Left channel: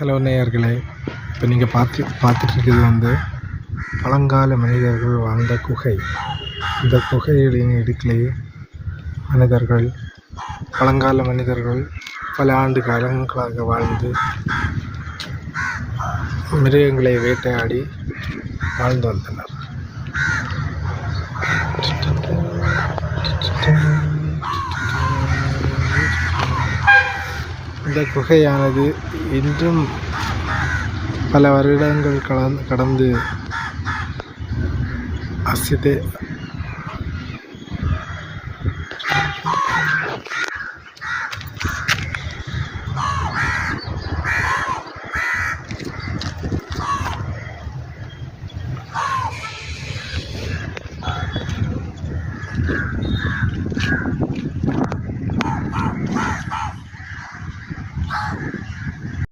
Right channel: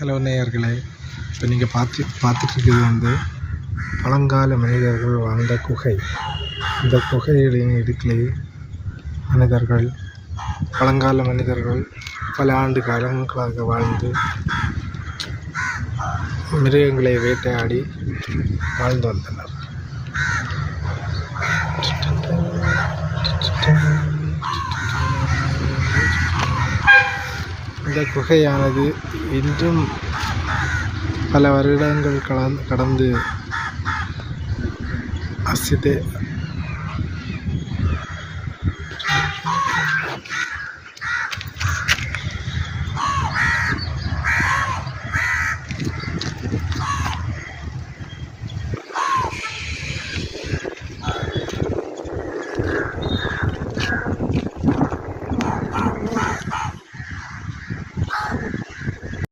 Hello நேயர்களே, இப்போ நீங்கள் பார்த்துட்ருக்கிறது பழங்கால மனிதர்கள் வாழ்ந்த குகை. இந்த குகைகளின் இடுக்கிலேயே பழங்கால மனிதர்கள் பல ஆண்டு காலங்களாக வாழ்ந்து மிருகங்களை வேட்டையாடி வாழ்ந்து வந்தனர். இந்த குகையானது இன்றும் பல வருடங்கள் கடந்து